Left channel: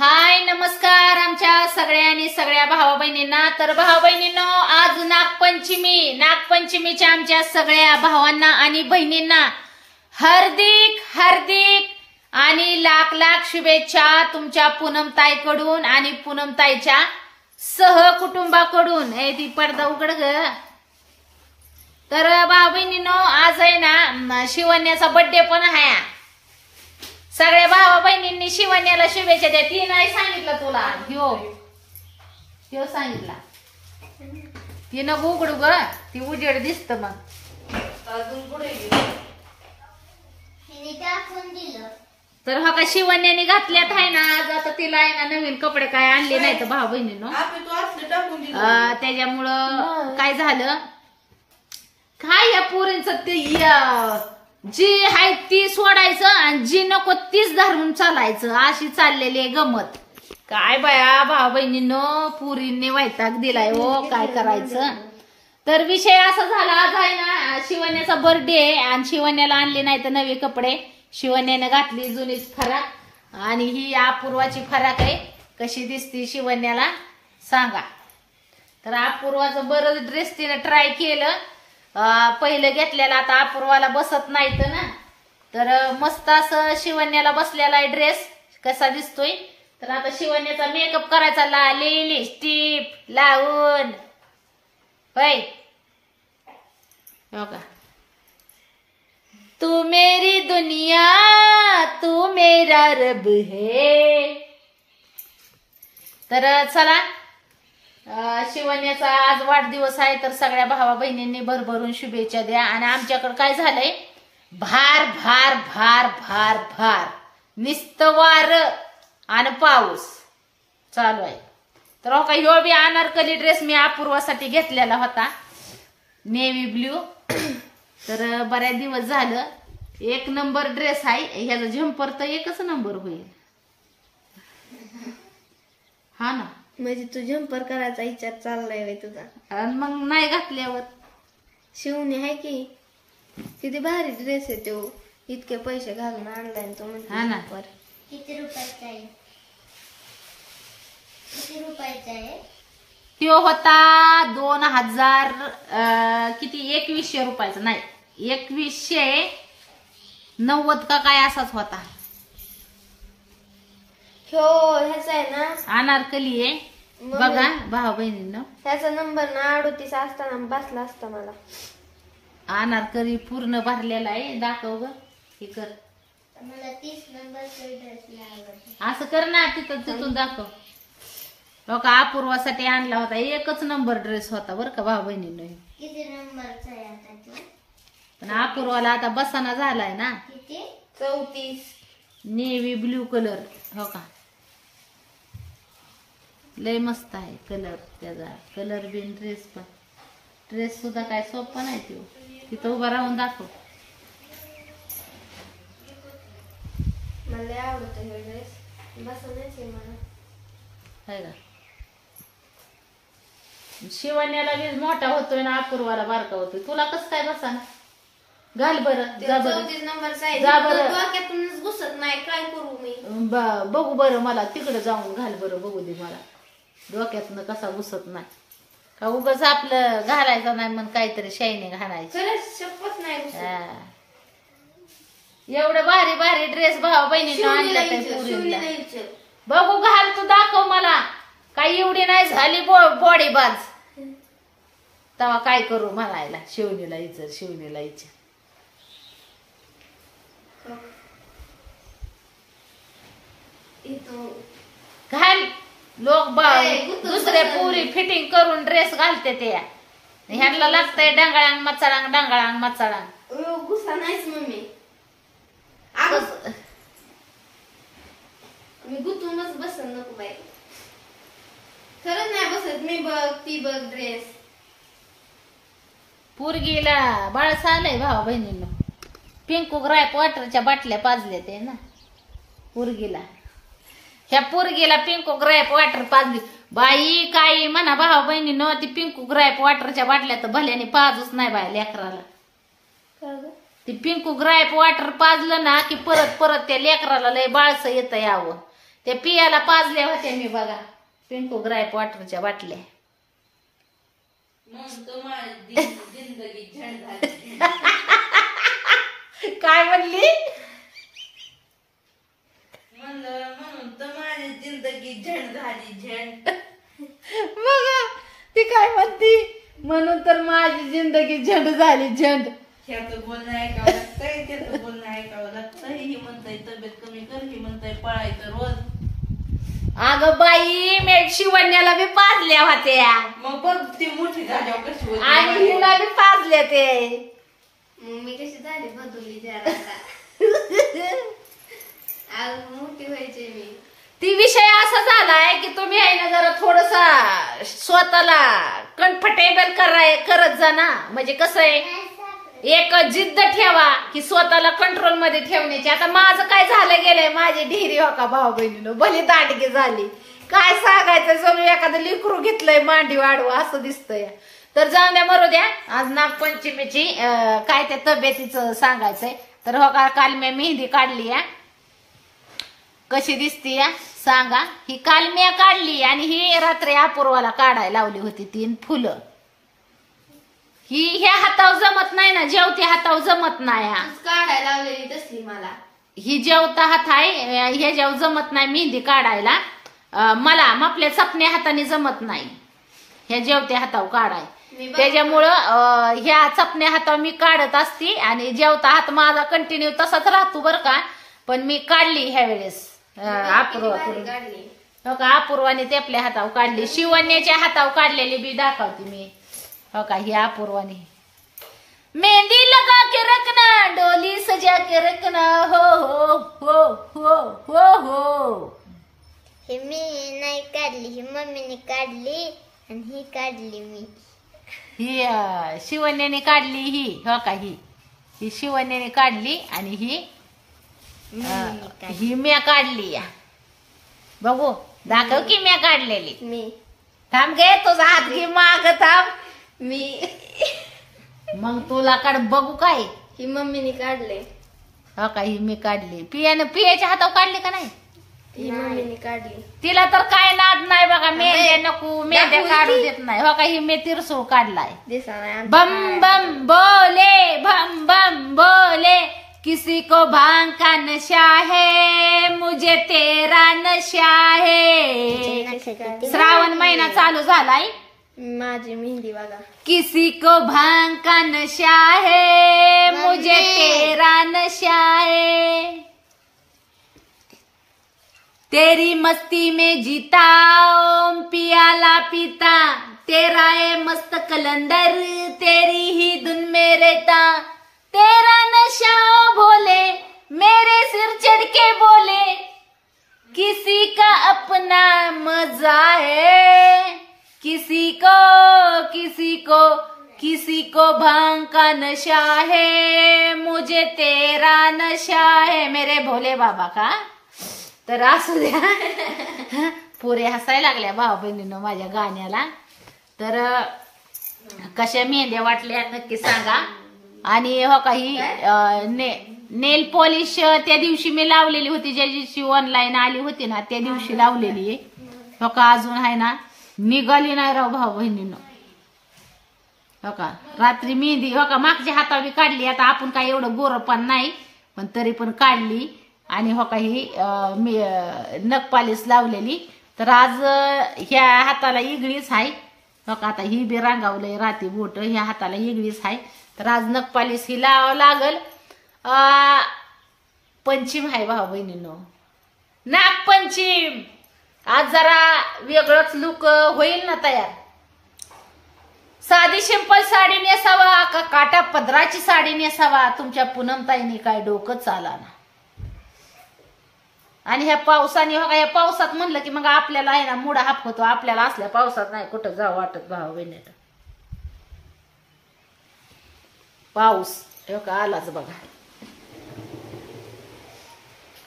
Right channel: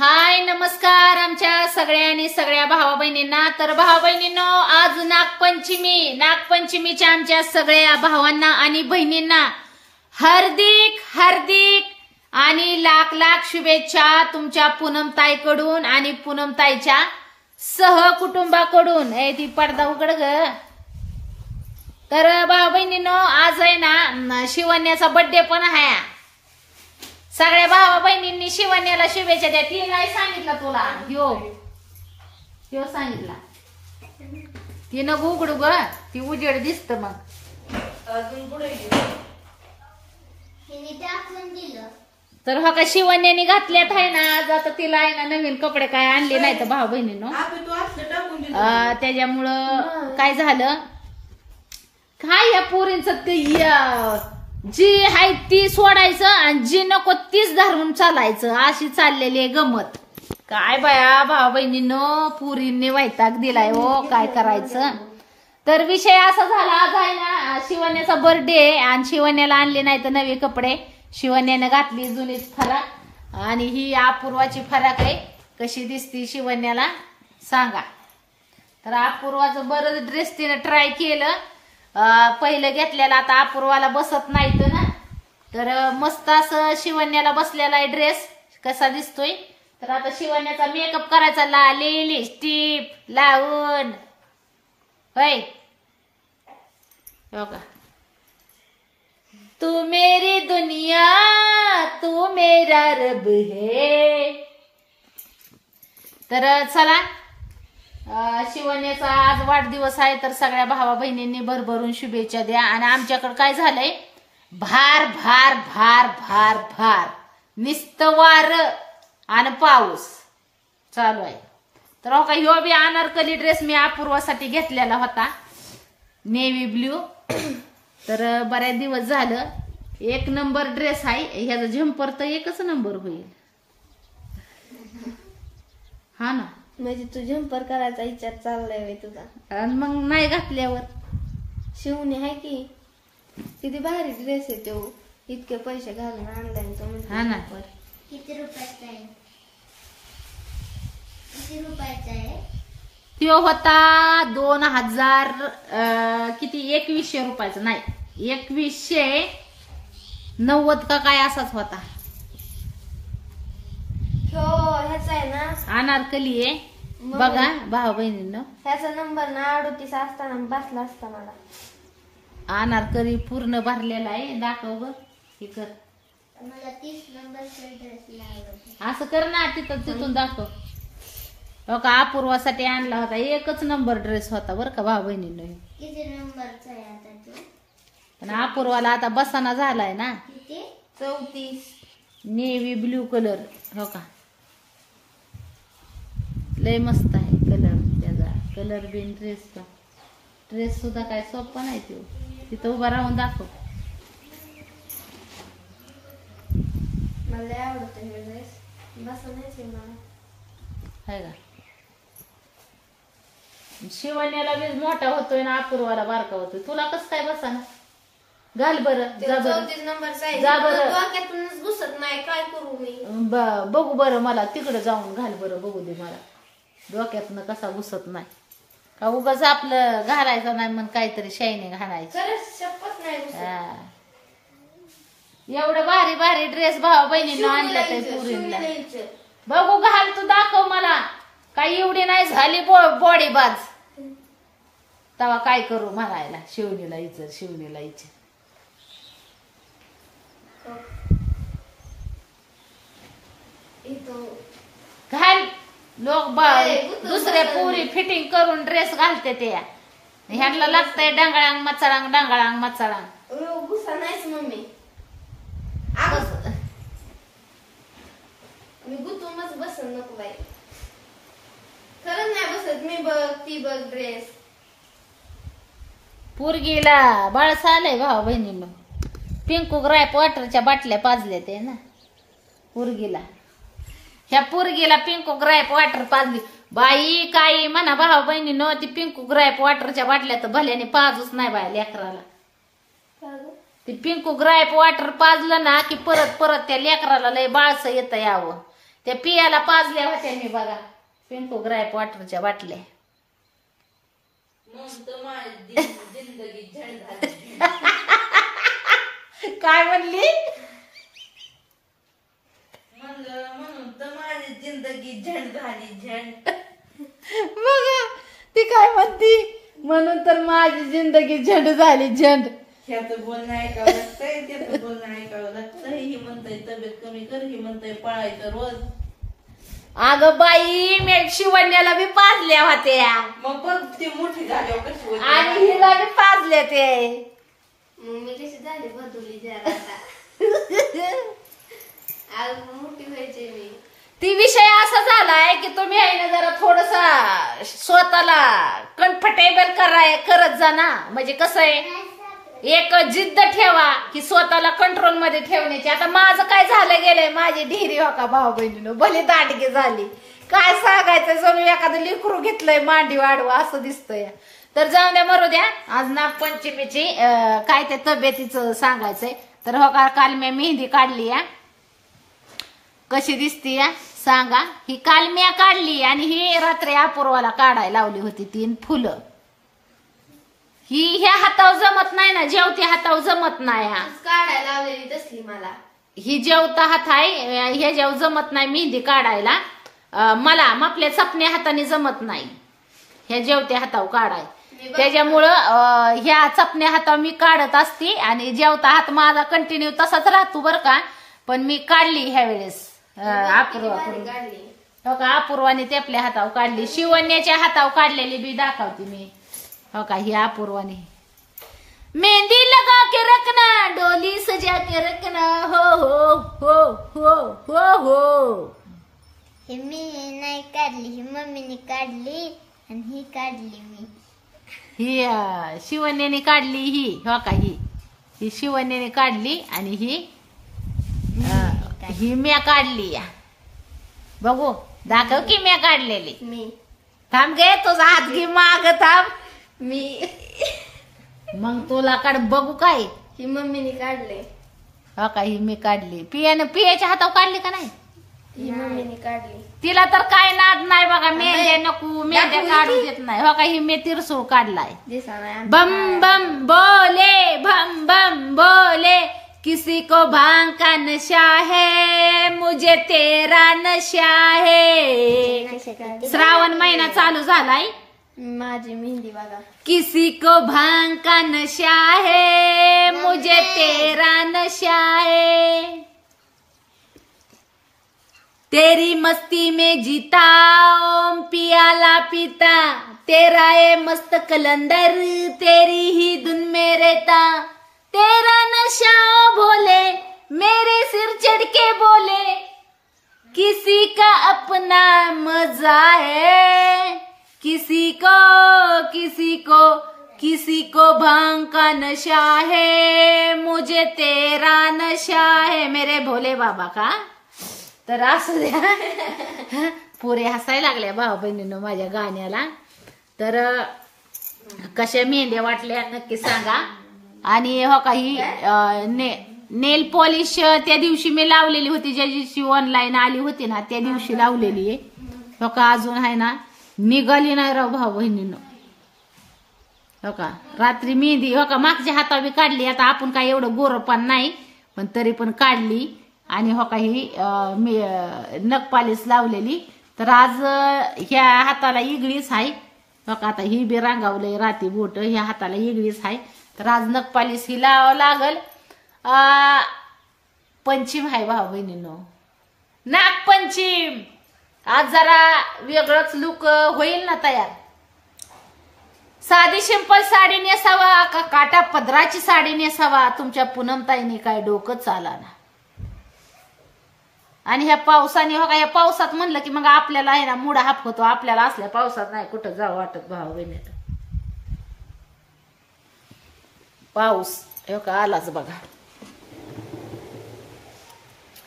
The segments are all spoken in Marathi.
हाय नमस्कार आमच्या सगळ्या भावा बहिणींना। तर भावा बहिणींनो, आज नागपंचमीच्या आमच्या सगळ्या भावांना आणि बहिणींना हार्दिक हार्दिक आणि लाख लाख शुभेच्छा तुमच्या पूनमताईकडून आणि पूनमताईच्या सहकुटुंबाकडून। ती पडदा उघड ग। तर भावा बहिणींनो, आज आहे ना शिवण्याचा बर्थडे पण आहे। सगळ्या भावा बहिणींनी शिवण्याला शुभेच्छा द्या। ती नाही सांगितलं तुला, ह्यो सांगितला। ती न उघडू ग, ती उजेड दिसत मग अजून पुढे। तर हा का शिवण्याने घातल्यात आहे ना आज। आता तिला आहे ना नवीन कपडे काय आणले नाही तर भावा बहिणींनो, त्याच्यामुळं काय झालं, काय या पोरींचं ते जी आहे ती सोडायचं आणि जी नको तीच धरून चालायचं, अशी चाललेली आहे गमत। काय बाया भावा बहिणींनो, पुरींनी वैताग दिलाय हो, काय करायचं। तर विषय असा झाला, आज आहे ना शिवण्याचा बर्थडे आणि शिवण्याला आणले नाही तर नवे कपडे। शिवण्याने घातली जुनीच फराक आणि ही अपूर्वाची फराक आहे। कशी दिसती शिवण्याला सांगा। तर अपूर्वाचं बरं ड्रेस तिने ट्राय केलं, पहिलं घेतलेला, आता अपूर्वाला बसत नाही ना। तर मस्त असं शिवण्याला बसलेला आहे ड्रेस, कसा दिसतोय। तर आता शिवण्याचा मेकअप करायचा, लिपस्टिक लावून होय हो का। तू मेरी दुनिया तू मेरा रब है। तर चला, शिवण्याचा आज वाढदिवस आहे, तर सगळ्या भावा बहिणींनी भरभरून शुभेच्छा द्या। आणि आमच्याकडे काय झालंय, भार भार भार भार भार नुसतं वार आणि पाऊस चालू आहे। तर हो का, ह्यो बी अनारकली ड्रेस मी अपूर्वासाठी घेतलेला होता, नेव्ही ब्ल्यू। तर बऱ्याच दिवस झालं, एक नंबर ड्रेस आहे। ह्याचा झंपर तर एकच नंबर होईल, हा ना। म्हणजे तू झंपर करायचा विचार चाललाय तुझा, मग नाही घातल्यावर शिवणे आहे की किती भारी ड्रेस आहे तो, इतके पैसे घालून आणलाय तो। हा ना। किती रुपयाचा आहे? किती रुपयाचा आहे? तो होता 2000 किती 2100 रुपयाचा, नाही 2190 का काय असाच होता। ह्याचा आहे ना अनारकली आहे बघा भावा बहिणींनो। त्याचा नंबर ना 38 असताना बसला असता मला। अनारकली पूर्ण भरलेला आहे, दाखव ग, हे कर। मला 30 नंबरचा ड्रेस आवडतो। असं कर ना, तिथून दाखव। हो का, अपूर्वासाठी आणला होता, एकच नंबर ड्रेस होता बरं का भावा बहिणींनो। किती नंबरचा आहे आता तो? पण अपूर्वाला आता बसाना झालाय ना। किती? 34 नेव्ही ब्ल्यू कलर। हो का, लय मस्त आहे कलर त्याचा, कलर बिन ड्रेस सुद्धा काय सोपा नाही तो। तिथं उभा राहून दाखव। मला आवडत हे ड्रेस, बसण्याचे मला आहे का। शिवण्याला बी मोठा होतोय ना, अपूर्वाला बारका होतोय, तुला कसं काय बसा ना। घाल बरं, जा बरं, 34 नंबरचा आहे, जा बरं। डोक्यातूनच घुसत नाही, काय करू मी? बघू बरं, मला तिकडे जाऊन घाल बरं, बघू दे मला डोक्यातनं कसा घुसत नाही का। उगाच आपलं घालायचं नाही मग काहीतरी शायनिंग घालायची, शपथ नाही घुसत। एवढं भारी भारी ड्रेस भावा बहिणीनं आणलं त्या पुरीला, बघू घाल तू, दाखव मला। काही एवढी नाही झाली बॉडी बाज, तेव्हा काय करू म्हणायला शिवणीला इचर। घाल, लोक दुसऱ्या पुरी फिटिंग करून ड्रेस घालते ते, ह्यांना लागतंय डंगळांग मचाळांग। गुस्सा नाहीच मम्मी, मी गुतूनच बसन नको बाई, खरंच नाही बसत मी। बघ ती बघ ड्रेस, पोरगीला बाळस आलंय भावा बहिणींनो। पिंकू ग्राईप वॉटरच्या बाटल्या पाजल्या ते ना पोरगीला, ह्या पोरगीला पिंकू ग्राईप वॉटर पाजली बाई। काही म्हणा भावा बहिणींनो, ती पिंकू ग्राईप वॉटरच्या बाटल्या तर भल्याने पाजूच नाही बाय लेकराला। ती पिंकू ग्राईप वॉटर पाजलं ना की परत त्या लेकराला लय बाळसं येतं यावं। त्या पियाला पाजल्या होत्या मी बघा, पिंकू ग्राईप वॉटरच्या बाटल्या. काय म्हणली? म्हणून तर माझी जिंदगी झंड झाली झंड. बघा ती काय म्हणती, म्हणून तर माझी जिंदगी झंड झाली झंड. ह्याचं बोलणं ऐकावं लागतंय, त्याचं बोलणं ऐकावं लागतंय. ही म्हणताय तब्येत कमी कर, ही म्हणताय पळायचं रोज. अगं बाई मी शिवण्याला बी पाजल्या होत्या, मग बघ ती मोठी झाल्यावर कशी होती. आणि हिला बी पाजल्या ते. मग मी कशी झाली बदलली जरा आज मोठी व्हायचे मी. ती विषय असा झालाय की तुम्ही आहे ना जरा थोडसा स्वतःला कम्फर्टेबल करत जा ना. म्हणजे कसं आहे, एक जिद्द ठेवा की स्वतःला कंट्रोल मध्ये ठेवण्याची. आता माझं काय झालं गेलंय, माझी ढिरी हो का भाऊ बहिणीनं भले दांडगी झाली. काय सांगायचं, जणू एखादं लिकरू घेतलंय मांडी वाढवा असं दिसतंय. तर जाऊन द्या, मरू द्या. आज नागपंचमीची काय त्या तब्येतीचं सांगायचंय. तर हो का काल मी मेहंदी काढली या, कशी दिसती या सांगा. ही काल मी काढली आणि ही रात्री अपूर्वाला काढायला लावली होती 3 फुलं. ही ह्या हातावर जमत नाही ना, जेवत्या हातावर जमत नाही. काढायला लावलेली तसली मला. ही जेवता हात आहे, ह्याच्यावर जमत नाही मेहंदी काढायला. मला आपल्या चपण्या हाताने जमत नाही ह्या जेवत्या हातावर काढाय. त्याच्यामुळं ह्या चपण्या हातावर मी काढत असते आणि जेवता हात माझा कंटिन्यू तसाच राहतो बरं का. पण मी काढली ह्या वेळेस अपूर्वा करून. हो का अपूर्वाने ते आपल्या हातावर काढली. शिवण्याच्या हातावर काढलेली बी दाखवते मी. हो का ही अपूर्वाने. मेहंदी लगा के रखना, डोली सजा के रखना, हो हो हो हो हो हो. हे मी नाही काढली, ही मम्मीने काढली आणि ही काढली मी. ही शिवण्याने काढली. ही हो का ही शिवण्याने काढली आणि ही म्या काढली. या बघू दाखव की म्या काढलेली. मी थांब गे, तुझा हात घे माग थांब. मी मग तुला काढ बघू काय. ही मम्मीने काढले. हो का ही मी काढली. पियाच्या हातावर काढली का नाही? ही मम्मीने काढली. तिला तर काय नाद नाही बघा, मेहंद्या नको मेहंद्या काढू देत नाही. हो का ही मी तिरसो काढलाय. बम बम बोले भम बम बोले, किसी को भांग का नशा है, मुझे तेरा नशा है. श्रावण महिना चालू झालाय. माझी मेहंदी बघा. किसी को भांग का नशा है, मुझे तेरा नशा है. तेरी मस्ती में जीता ओम पियाला पीता, तेरा ये मस्त कलंदर तेरी ही धुन में रहता. तेरा नशा ओ भोले मेरे सिर चढ़ के बोले, किसी का अपना मजा है, किसी को भांग का नशा है, मुझे तेरा नशा है. मेरे भोले बाबा का. तर असू द्या, पुरे हसायला लागल्या भाऊ बहिणीनं माझ्या गाण्याला. तर कशा मेहंद्या वाटल्या नक्की सांगा. आणि हो काही नेल पॉलिश त्या दिवशी मी लावलेली होती, ज्या दिवशी ऑनलाईन आली होती ना त्या दिवशी लावलेली आहे. हो का अजून आहे ना, निघाली नाही राव भाऊ बहिणीनं. हो का रात्री मेहंदी हो का मागच्या हातावी काढली. आता आपण काय एवढं गोरपण नाही, पण तरी पण काढली. आणि हो का ही मी नखपालीस लावलेली. तर आज ह्या हाताला इगळीच आहे. हो का आता ही बी रांगावलंय राती बोट, ह्या हाताला इगळीच आहे. तर आज नखपालीस ही लावावं लागल. पंचीम आहे भाऊ बहिणींनो, नागपंचीम. आज जरा वेगळंच लुक होईल ना तयार. साधी सिंपल साडी नेसावा का काटा पदराची साडी नेसावा, तुमच्या पूनमताईने काय डोकं चाला ना. आणि ह्या पावसाने हो का, ह्या पावसात म्हणलं की मग आपल्याला आहे ना मुडा हाप होतो. आपल्याला असल्या पावसात नाही कुठं जावं वाटत भाऊ बहिणीला. पाऊस हो का आलाच बघा,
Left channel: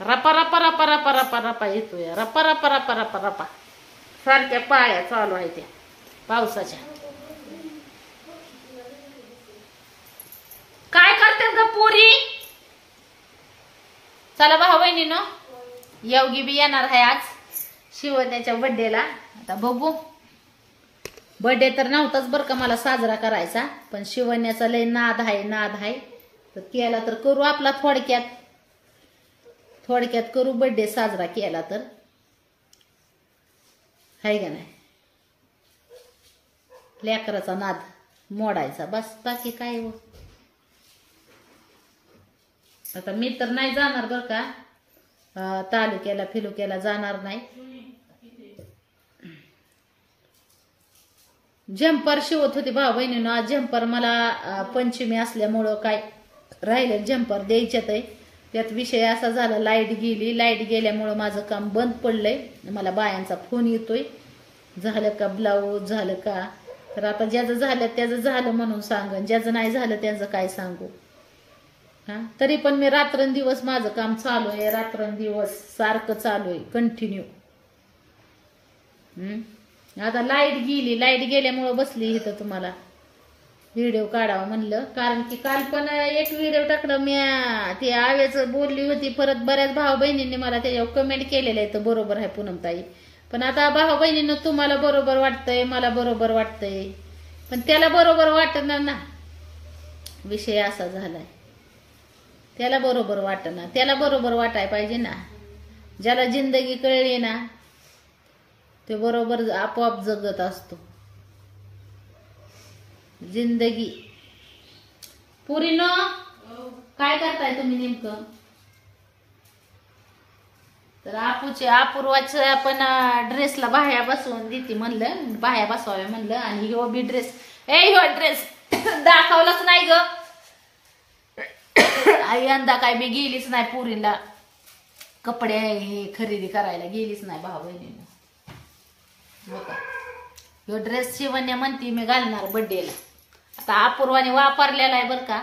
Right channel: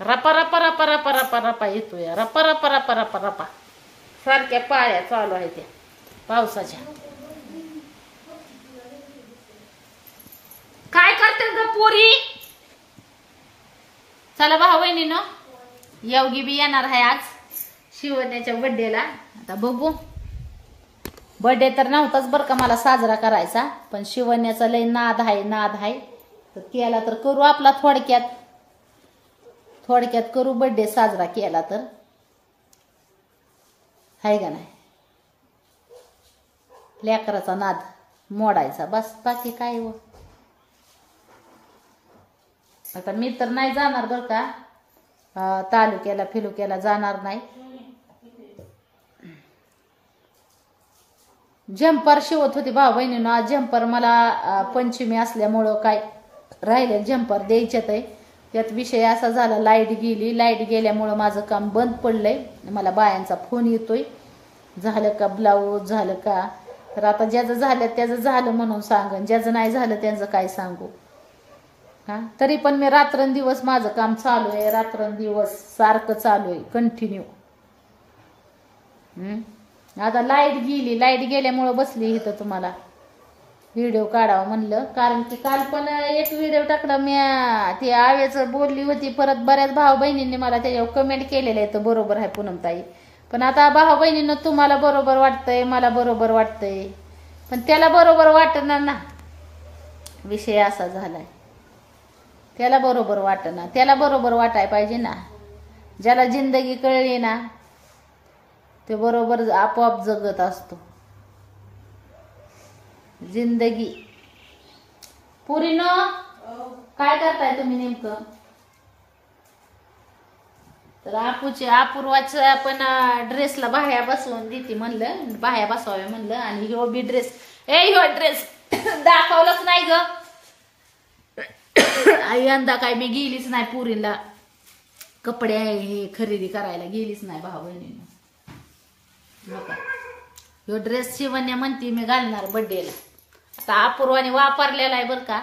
रपा रपा रपा रपा रपा रपा येतोय. रपा रपा रपा रपा रपा सारख्या पाळ्या चालू आहे त्या पावसाच्या. काय करते ग पुरी. चला भाऊ बहिणीनं योगी बी येणार आहे आज शिवण्याच्या बर्थडेला. आता बघू. बर्थडे तर नव्हताच बरं का मला साजरा करायचा, पण शिवण्याचा लय नाद आहे. तर केला तर करू आपला थोडक्यात करू बर्थडे साजरा केला तर, हाय का नाही. लेकराचा नाद मोडायचा बस, बाकी काय हो. आता मी तर नाही जाणार बर का, तालुक्याला फिलुक्याला जाणार नाही. झंपर शिवत होती भाऊ बहिणीनं. आज झंपर मला पंचमी असल्यामुळं काय राहिले झंपर द्यायच्यात आहे. त्यात विषय असा झाला, लाईट गेल्यामुळं माझं काम बंद पडलंय. मला बायांचा फोन येतोय, झालं का ब्लाऊज झालं का. तर आता ज्याचं झालं त्याचं झालं म्हणून सांगन, ज्याचं नाही झालं त्यांचं काय सांगू. हा, तरी पण मी रात्रंदिवस माझं काम चालू आहे, रात्रंदिवस सारखं चालू आहे कंटिन्यू. आता लाईट गेल्यामुळं बसली इथं तुम्हाला व्हिडिओ काढावा म्हणलं. कारण की काल पण एक व्हिडिओ टाकला मी, ती आव्याचं बोलली होती. परत बऱ्याच भाऊ बहिणींनी मला त्याच्यावर कमेंट केलेलं आहे, तर बरोबर आहे पूनमताई. पण आता भाऊ बहिणींना तुम्हाला बरोबर वाटतंय, मला बरोबर वाटतंय, पण त्याला बरोबर वाटणार ना. विषय असा झालाय, त्याला बरोबर वाटणार, त्याला बरोबर वाटाय पाहिजे ना. ज्याला जिंदगी कळली ना ते बरोबर आपोआप जगत असतो जिंदगी. पुरीनं काय करताय तुम्ही नेमकं? तर अपूर्वाचं आपण ड्रेसला बाह्या बसवून देते म्हणलं, बाह्या बसवाव्या म्हणलं. आणि ह्यो बी ड्रेस दाखवलंच नाही ग. आई यंदा काय मी गेलीच नाही पुरीला कपडे हे खरेदी करायला, गेलीच नाही भाऊ बहिणीनं. ह्यो ड्रेस शिवण्या म्हणते मी घालणार बर्थडेला. आता अपूर्वाने वापरलेला आहे बरं का,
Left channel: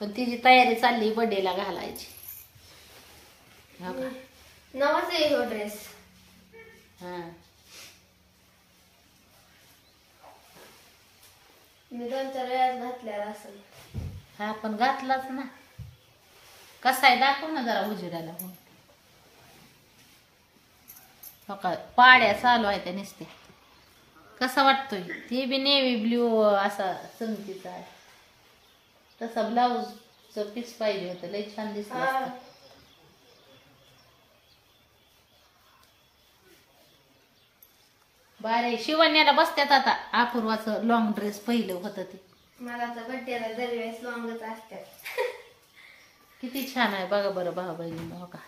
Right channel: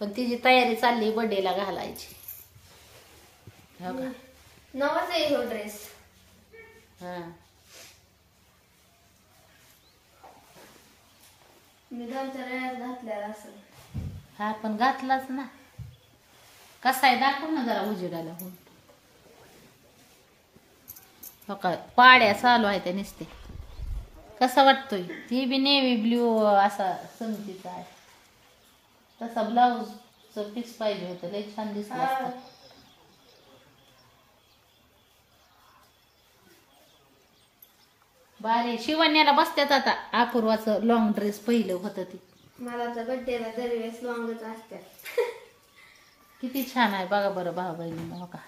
पण तिची तयारी चालली बर्थडेला घालायची. हो का, नवाच आहे ह्यो ड्रेस. हा, मी 2-4 वेळाच घातलेला असेल. हा पण घातलाच ना. कसा आहे दाखव ना जरा उजेडाला. हो का, पाड्या चालू आहे त्या नुसत्या. कसा वाटतोय? ते बी नेव्ही ब्ल्यू असा संगतीचा आहे. तसा ब्लाऊज फिक्स पाहिजे होतं, लई छान दिसला असता. बारे शिवण्याला बसत्यात आता. अपूर्वाचं लॉंग ड्रेस पहिलं होतं ते. मला तर बड्डेला दरवेळेस लॉंगच असतात. किती छान आहे बघा बरं भाऊ बहिणीनं. हो का,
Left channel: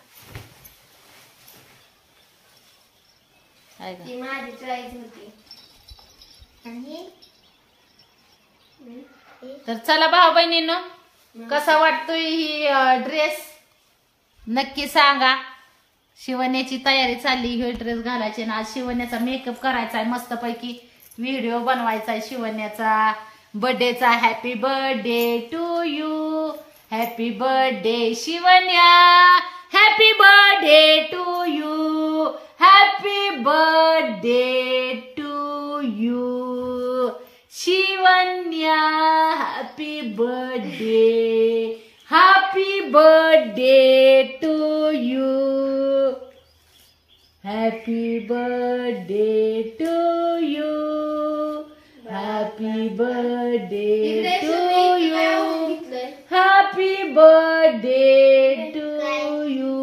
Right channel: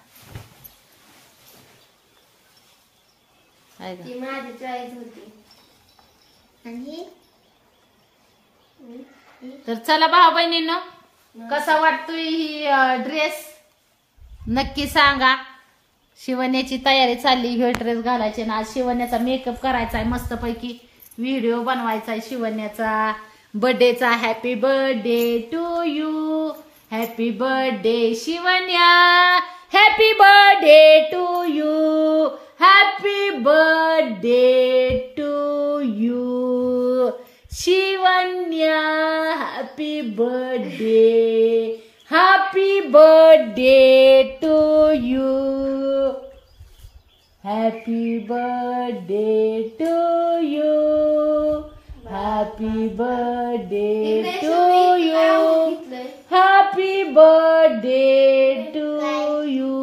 ती माझी चॉईस होती. तर चला भाऊ बहिणीनं, कसा वाटतोय ही ड्रेस नक्की सांगा. शिवण्याची तयारी चालली, हे ड्रेस घालायचे ना. आज शिवण्याचा मेकअप करायचा आहे, मस्तपैकी व्हिडिओ बनवायचा आहे शिवण्याचा बर्थडेचा. Happy birthday to you, happy birthday Shivanya, happy birthday to you, happy birthday to you Shivanya, happy birthday, happy birthday to you, happy birthday to you, happy birthday to you, happy birthday to you.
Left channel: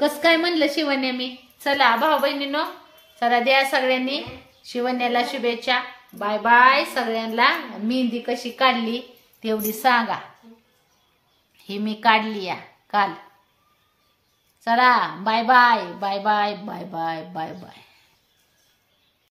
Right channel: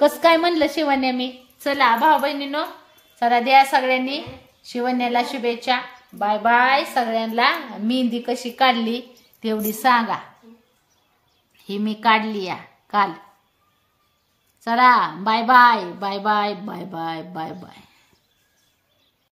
कस काय म्हणलं शिवण्या मी. चला भाऊ बहिणीनो, चला द्या सगळ्यांनी शिवण्याला शुभेच्छा. बाय बाय सगळ्यांना. मेहंदी कशी काढली तेवढी सांगा. ही मी काढली या काल. चला bye bye bye bye bye bye bye bye.